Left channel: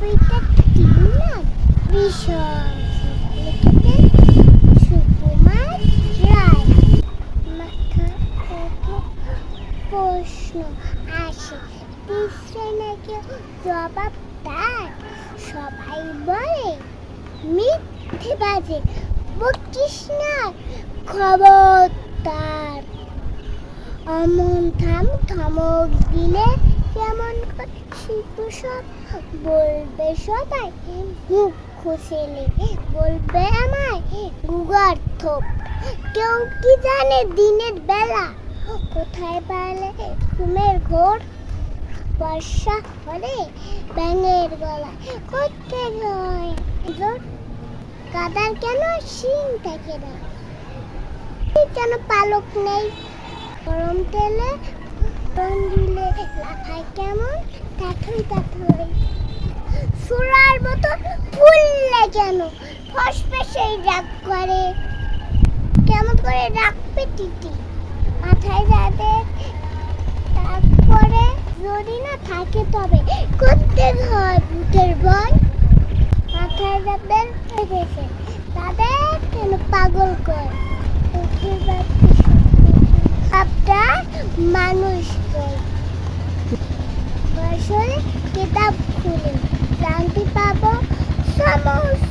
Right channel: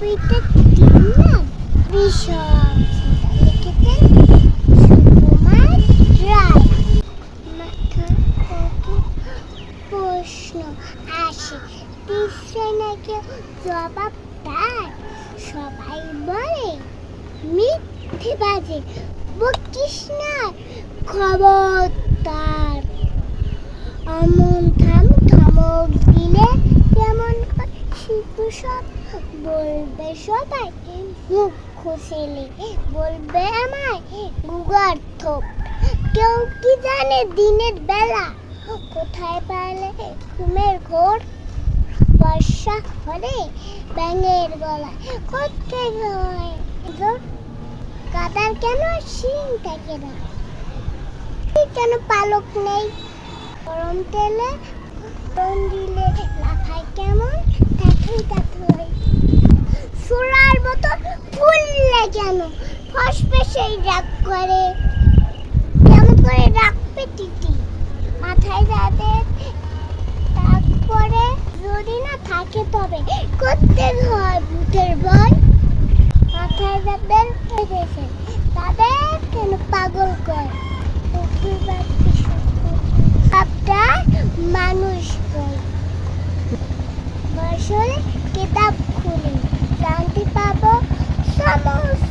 কবিতা না ভীষণ লিখেছেন সুকুমার রায়। মাথায় কত প্রশ্ন আসে, পিছনে নাকি জবাব দেয়। সবাই বলে মিথ্যে বাজে, বকিস না খবরদার। অমন ধমক দিলে কেমন শিশু সব বলবে, সবাই মুখ খুশিলে বলবে আমায় গুগার্থ। কেউ কি জানে দিনের বেলা কোথায় পালে ঘুমের ঘোর? বর্ষা হলে ব্যাঙের গলায় করতে নয়, কাদার কেন শিং থাকে না, কেন পালক নেই? গরম তেলে দিলে লাফায় কেমন কাঠুই কাঠুই। সুরার মতো ফুললে কেন ফসফে সেই রাগ করে? কেমন করে রাখবে টিটি মাথায় যাদের তাক পরে? যদি না থাকে তবে করতে হয় ভূতের ভয়। মাথায় যাদের গেছে তাদের কেন পাগল করে? মানুষ বয়স হলে কিতাব খুলে শান্তি পাবো সমস্ত